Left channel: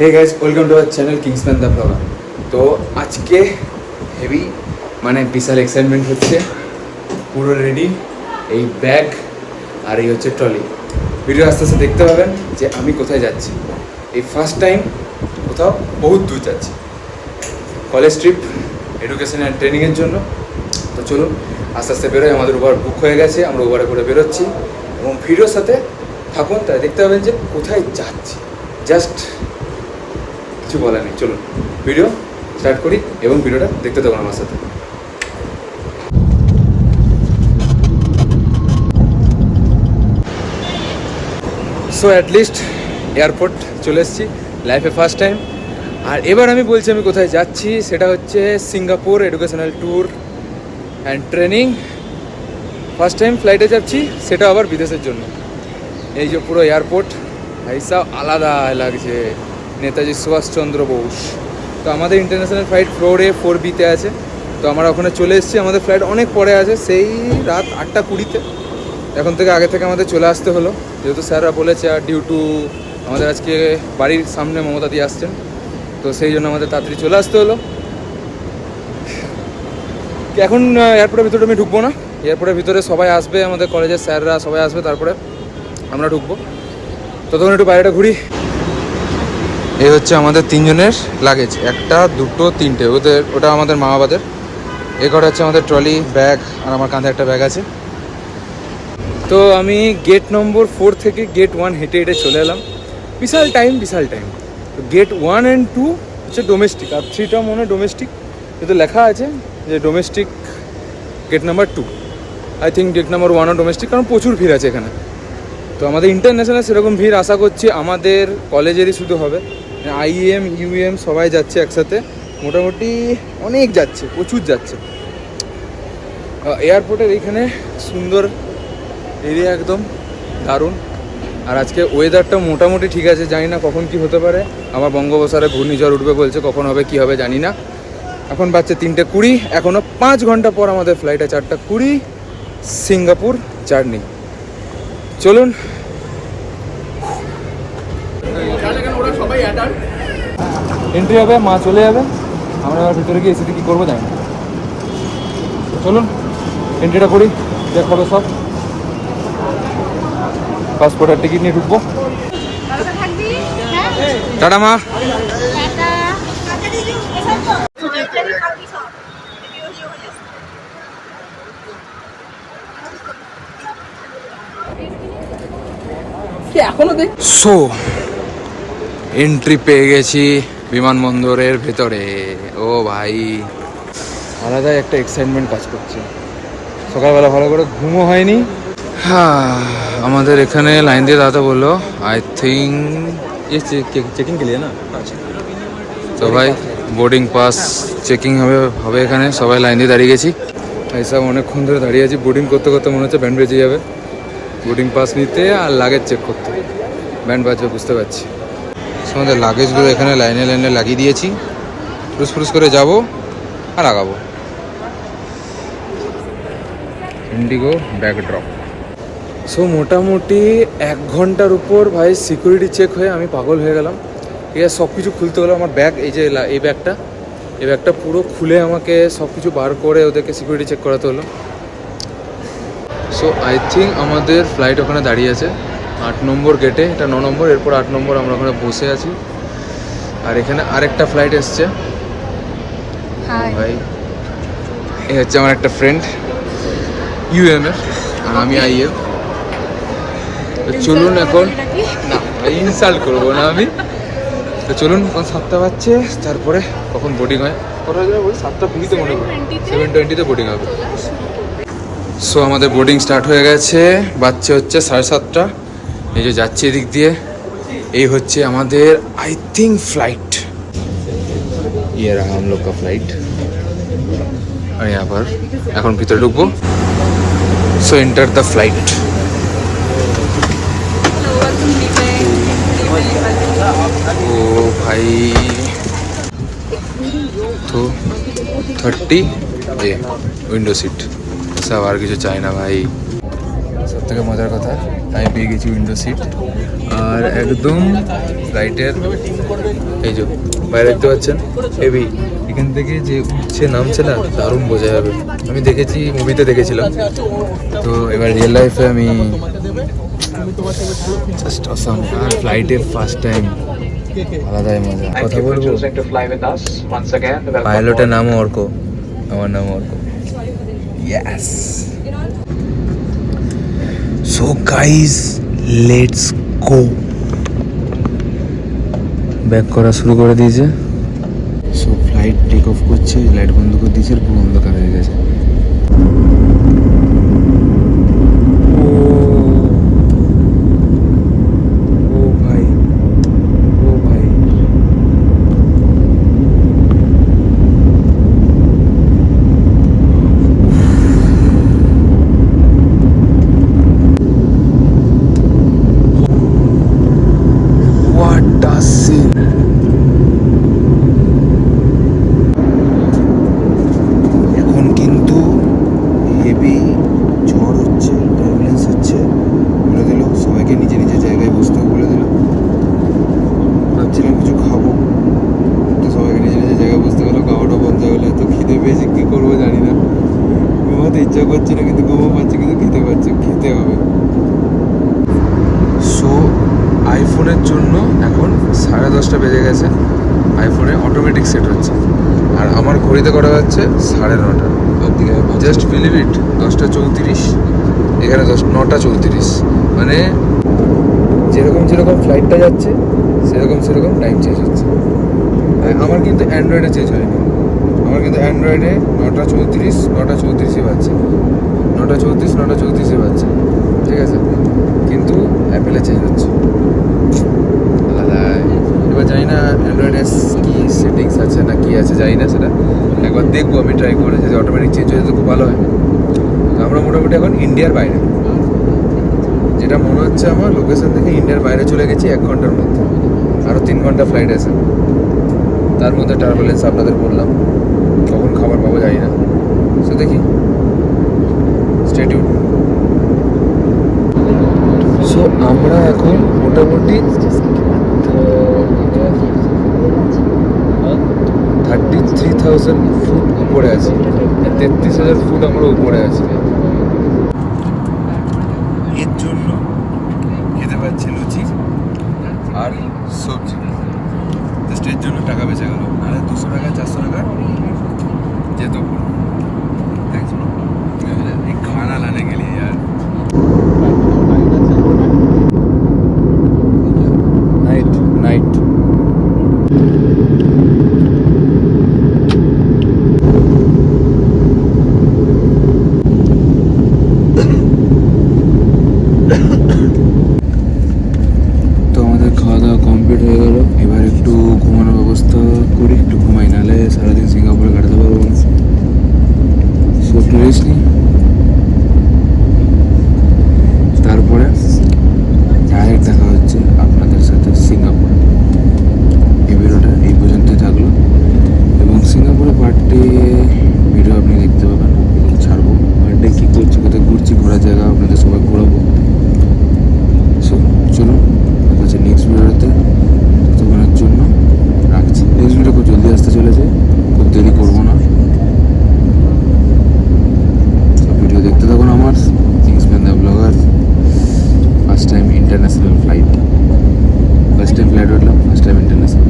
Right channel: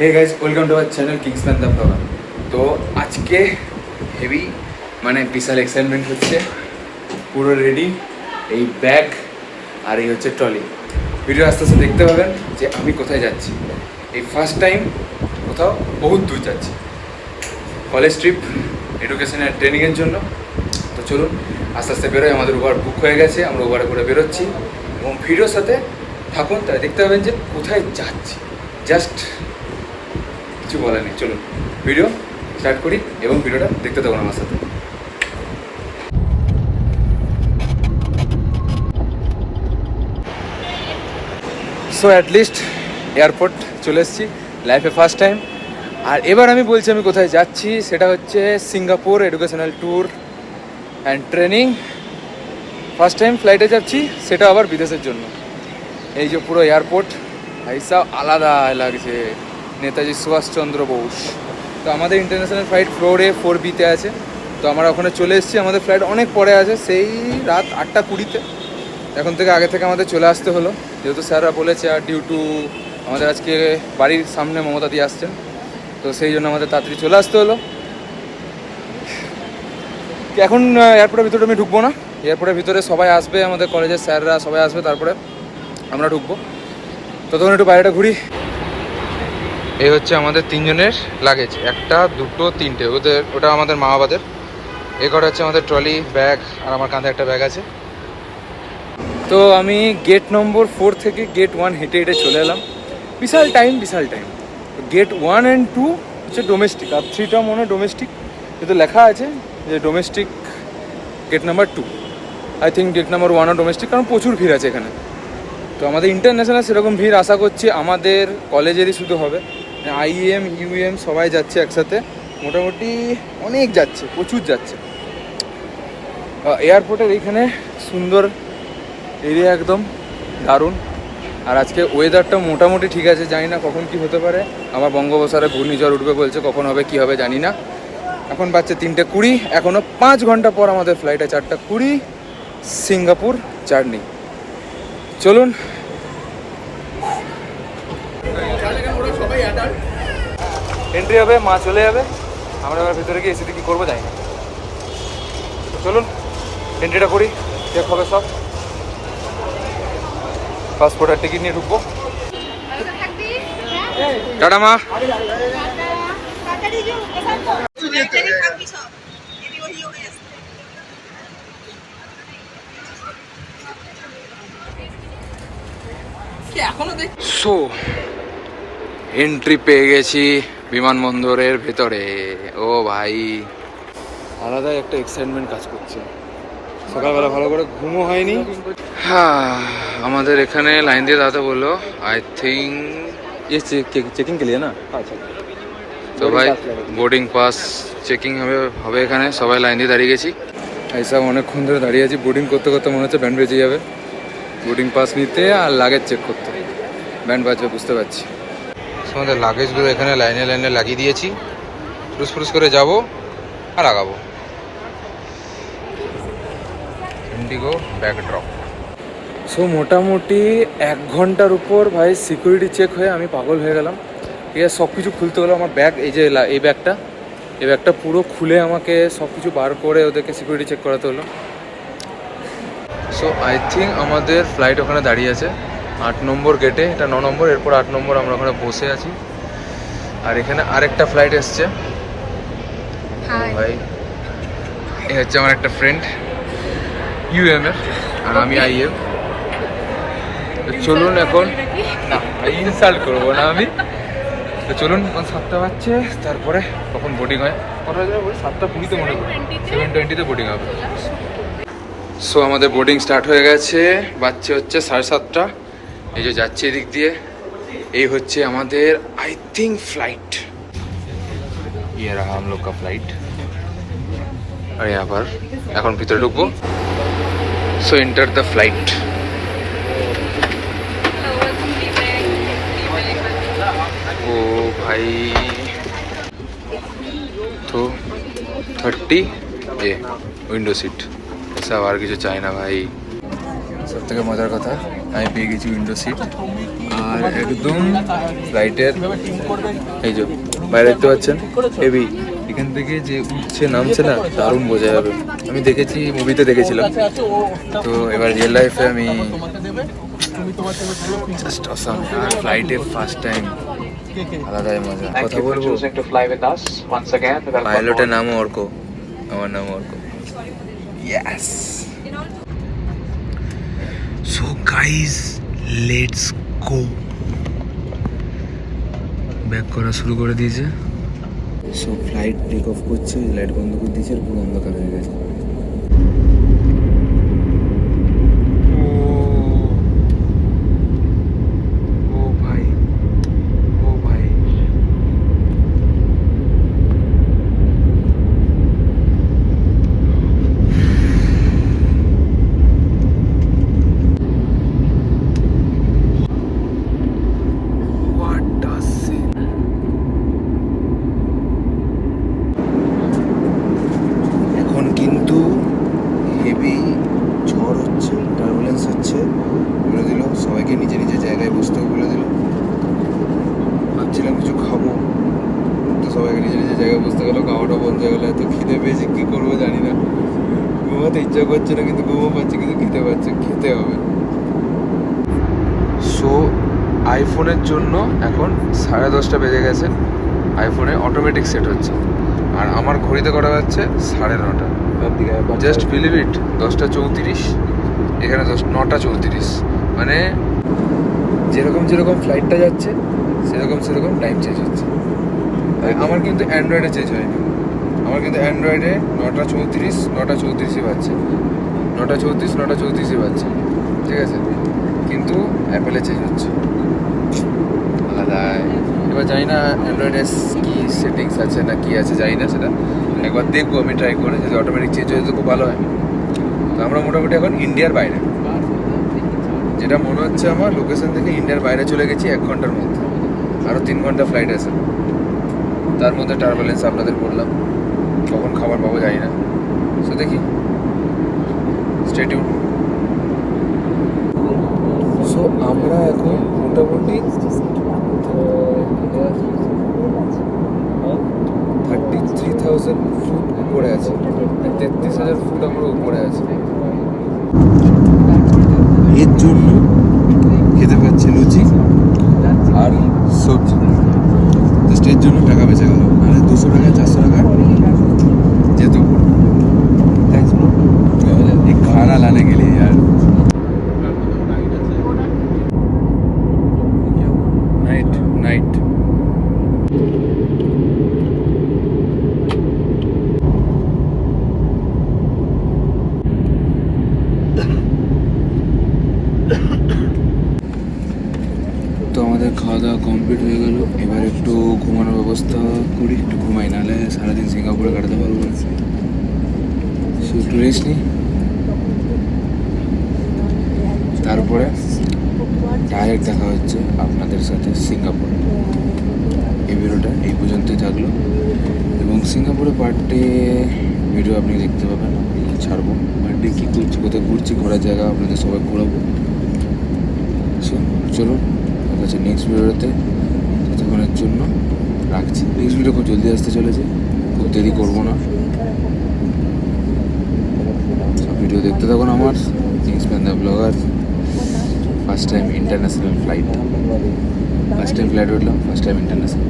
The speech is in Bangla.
Hey guys, welcome to our channel Kingsman the blogger. তো আজকে হেভি বিশাল এক্সাইটমেন্ট হচ্ছে, পুরো রেডি। এই ব্যাগ আর এই হচ্ছে ট্রলি। ভিডিও আস্তে আস্তে দেখতে পাবেন যে আমি কোথায় যাচ্ছি। এই ফার্স্ট টাইম কোথাও বহুত দূর যাচ্ছি, কলেজ ট্রিপ, এডুকেশন অ্যান্ড ট্রেনিংয়ের জন্য। তো চলুন আস্তে আস্তে বেরোয়। আমাদের উবার বুক হয়ে গেছে, আমরা উবারে করে বেরোচ্ছি এবং ভিডিওর সাথে থাকুন, তাই দেখতে পাবেন যে কোথায় যাচ্ছি। জাস্ট কিছু বলার নেই, চলুন ভিডিও স্টার্ট করি এবং ভিডিওটা দেখতে থাকুন আমার সাথে। সো অ্যাটলিস্ট এয়ারপোর্ট চলে এসেছি, লাইফে ফার্স্ট টাইম। আর এবার আমি বলছি আমি কোথায় যাচ্ছি, সেটা হচ্ছে Singapore educational tour and training. First time ফ্লাইটে যাচ্ছি, সেটা আবার বিদেশের জন্য। এই যে পুরো এয়ারপোর্ট এইসব আলাদা লাগছে, নেতাজি সুভাষচন্দ্র বোস। তো আমাদের ইন্টারন্যাশনাল ফ্লাইট ফ্লোরে 4B-তে আছে। তো আমরা ওখানে চলে এসেছি, আমাদের ফ্লাইট অনেক পরে আছে, সেই রাত 8:20-তে। এখন থেকে আগে থেকে আমাদের চলে আসতে হলো, যেহেতু স্যাররা বলেছে। আর ডিউ টু আমাদের আজকে বাড়ির সামনে মমতা দিয়ে আসছেন, তো সেই জন্য আমাদের তাড়াতাড়ি চলে আসতে হলো। এখন এয়ারপোর্টের ভিতরে আমি ঢুকবো না, এয়ারপোর্টের ভিতরে সবাই আসবে, আমাদের কলেজের স্যাররা সবাই আসবে, তারপরে আমরা ঢুকবো। ততক্ষণ একটু বাইরেটা ঘুরি। এই হচ্ছে আমাদের তিনজনের লাগেজ, 1, 2, 3টে। ওটা আমাদের মা বাবাদের। এই কটা হচ্ছে আমাদের ট্রলি, ব্যাগ, আর আমার কাঁধে একটা ব্যাগ আছে। তো আমি গেট নম্বর 4 থেকে গেট 1 হেঁটে হেঁটে চলে এলাম। বিশাল টাইম। তো গেট 1 and 2 হচ্ছে ডোমেস্টিক, আর 3টা মনে হয় ডোমেস্টিক, যেহেতু লেখা আছে যে domestic gate number 2। I think gate number 1ও ডোমেস্টিক, কারণ প্রচুর ভিড় আছে এখানে। তো আমাদের ইন্টারন্যাশনাল সেরকম ভিড় আশা করছি আমাদের কলেজেরই শুধু হবে। IEM UEM সবাই যাচ্ছে একসাথে, মোটামুটি অনেক যাচ্ছে, প্রচুর যাচ্ছে। এয়ারপোর্টের এইখানে সুন্দর এরিয়া, একদম দারুণ। আর আজকে ওয়েদারটা মোটামুটি ঠিক আছে, জানি না কখন কি হতে পারে। আমার বঙ্গোপসাগরে ঘূর্ণিঝড় উঠবে বলছে, কখন হবে কি হবে জানি না। এখন বাজছে 3:20, এখনও 5 ঘন্টা পর আমাদের ফ্লাইটে 4:20 সিঙ্গাপুর জার্নি। চলুন। এন্ট্রি হবে, মা চলে যাবে, আমরা ভিতরে গিয়ে এসে কি করবো জানি না। চলুন এন্ট্রিটা করি, দেখাবে সব। পাসপোর্টের টিকিট নিয়ে ঢুকবো। টাটা মা। সো এন্ট্রি পেয়ে গেছি বিমানবন্দরের ভেতরে। ও ভাই, আলাদাই একটা এক্সাইটমেন্ট কাজ করছে। সকালবেলা ভালো করে ঘুমও হয়নি। হ্যাঁ, আমাদের এখানে লাইন দিয়ে দাঁড়াতে বললো। আই থিঙ্ক চেকিং কে লিয়ে না। তো ভাই বোর্ডিং পাস চেকিং হবে এখানে, সবাই লাইন দিয়ে দাঁড়িয়ে গেছি। এইসব অনেকক্ষণ ধরে দাঁড়িয়ে আছি, বোর্ডিং করতে করতে মনে হচ্ছে ব্যান্ড বেজে যাবে। বোর্ডিং পাস নিতে আর লাগেজ চেক করতে, ব্যান্ড বাজবে বুঝতে পারছি। আমাদের লাগেজগুলো এখানে লাইনে লাইনে লাগিয়ে দিয়েছি, ফুসফুস করে যাবো আর আগাবো। Indigo bag drop. সো মোটামুটি 1 ঘন্টার উপর ভাই সিকিউরিটি চেক হয়ে আমি পাগল হয়ে গেলাম। ঠিক আছে, সব কিছু খুলতে হলো। আমার ব্যাগ, এই যে এই ব্যাগটা পুরো খুলে আমাকে সব কিছু বার করে ওদেরকে সিকিউরিটি চেক করাতে হলো। সো আই থিঙ্ক আমাদের ফ্লাইট ওখানে দাঁড়িয়ে আছে 8 নম্বর গেটে, এটা 9 নম্বর, এরপর 8 নম্বর। আমরা ওখানে বসে আছি, আর এখানে আরেকটা ফ্লাইট এসছে। ভাই এ হচ্ছে আমার একটা ফ্রেন্ড UM এর, আর আমি IM। চলুন এখন, না ইনসাল্ট করবো না আমি। তো চলুন, এখন 7টা বাজছে, তারপরে কখন বোর্ডিং হয়, কটা যাবে বলি 7:20-তে মনে করি, 7:20-তে বোর্ডিং হবে। সো আমাদের বোর্ডিং স্টার্ট হয়ে গেছে, বাজছে হচ্ছে 7:30। এই যে যাচ্ছে এদিক দিয়ে, এই হচ্ছে আমাদের আই থিঙ্ক फ्लाइट, ये रहा हम लोग का फ्लाइट। আর यहाँ पर এখন ভিতরে ঢুকবো। So enter the flight. ও ভাই, তো 30 উইন্ডো সিট, সব আর কিছু চাই না ভাই। সব থেকে মজার কথা, আমি পেয়ে গেছি উইন্ডো সিট। আর একদম ফ্লাইটের এই যে বাইরে দেখতে পাচ্ছেন হেভি, এখান থেকে যে উঠছে নামছে না দারুণ বোঝা যাবে। আমি দেখেছি, মুভিতে দেখেছিলাম, তো এবার রিয়েল লাইফে আমি জাস্ট অসাম। আর ফ্লাইটে ফার্স্ট টাইম আলাদাই মজা। কথা বলবো, পাইলটের নামও অর্ক, আমার নামও Arka. Yes. So guys let's go. Back করা শুরু করে দিয়েছে। সো ফ্লাইট টেক অফ করছে, লাইট বন্ধ করে দিয়েছে, পুরো অন্ধকার হয়ে গেছে। এখন কিন্তু হেভি ঝড় হচ্ছে, টার্বুলেন্স হচ্ছে। বলে দিল সবাইকে নিজে নিজের জায়গায় বসতেও বলে দিল। ভাবছিলাম কিছু খাবো, তো সবাইকে নিজে নিজের জায়গায় বসতে গেলো। খাওয়াটা বন্ধ হয়ে গেলো। এত খিদে পেয়েছি, কী করবো জানি না। ঘুমাতে ইচ্ছা করছে না, কিন্তু ঘুমো পাচ্ছে, কিন্তু খেতে পাচ্ছে, খেতে হবে। সো আইফোনের জন্য এখন 10:30 বেজে গেছে। আইফোনে অটোমেটিক সেট হচ্ছে, আর আমার ঘড়িতে করা হচ্ছে 9:30। জাস্ট বিলিভ ইট, 10:34, এখানে 9:34। মানে যেরকম যেরকম ফ্লাইটটা যাচ্ছে সেরকম টাইম চেঞ্জ হচ্ছে। আমার কিন্তু অ্যান্ড্রয়েডে চেঞ্জ হয়নি। আমার কিন্তু অ্যান্ড্রয়েডে 9:34 বাজছে, 9:34 বাজছে, ঠিক আছে। কিন্তু অ্যাপেলে চেঞ্জ হচ্ছে আলাদাই। এবার জানি না অ্যান্ড্রয়েডে কি সেটিংস আছে না কি আছে, জানি না, সেটা একবার দেখবো আমি ট্রাই করে। যদি অটোমেটিক চেঞ্জ হয়ে যেত খুব ভালো হয়। তো আমরা মোটামুটি এখন ইন্ডিয়ার বাইরে, যেটা মনে হচ্ছে আমার লোকেশন থেকে ইন্ডিয়ার বাইরে চলে গেছি 1 ঘন্টার মধ্যে। আরও 3 ঘন্টা ফ্লাইট আছে, তার মধ্যে টার্বুলেন্স আপনাদের বললাম। কখন খাবার পাবো জানি না, সো দেখি, স্টে টিউন। সো আমরা এখন মোটামুটি 33,000 ফুট উপরে আছি, 33,000 ফুট আমরা উপরে আছি। এর জন্য খেতে পাচ্ছি লুচি আর সবজি, জাস্ট এর জন্য টাকা বেঁচে গেল। নাহলে 200 টাকা 400 টাকা যেত পুরো। খানা লানে গেলি यार। নাইট তো আমাদের খাওয়া দাওয়া কমপ্লিট হয়ে গেল। এবার একটু ঘুমানোর ব্যবস্থা করি, একটু ঘুমাই, নাহলে সারাদিন সিঙ্গাপুরে কাটাতে পারবো। সো একটু রেস্ট নিই, তারপরে ডাইরেক্ট দেখা হচ্ছে আপনাদের সাথে সিঙ্গাপুর। এই ভিডিওটা এই পর্যন্তই থাকলো, এবং সিঙ্গাপুরে পার্টে ভিডিও আপনি দেখতে পাবেন, ছাড়বো। পার্টে কী করছি, কোথায় ঘুরছি, ঘোরার জায়গা আপনাদের সবাই ঘোরাবো। সো চলুন দেখা হচ্ছে নেক্সট ভিডিওতে। ততক্ষণের জন্য রাখছি। নেক্সট ভিডিও খুব জলদি আসতে চলেছে, খুব দেরি করবো না। ভিডিও দেখতে থাকুন আমার Kingsman the blogger. First time international flight, first time flight উঠলাম, ফার্স্ট টাইম ইন্টারন্যাশনাল।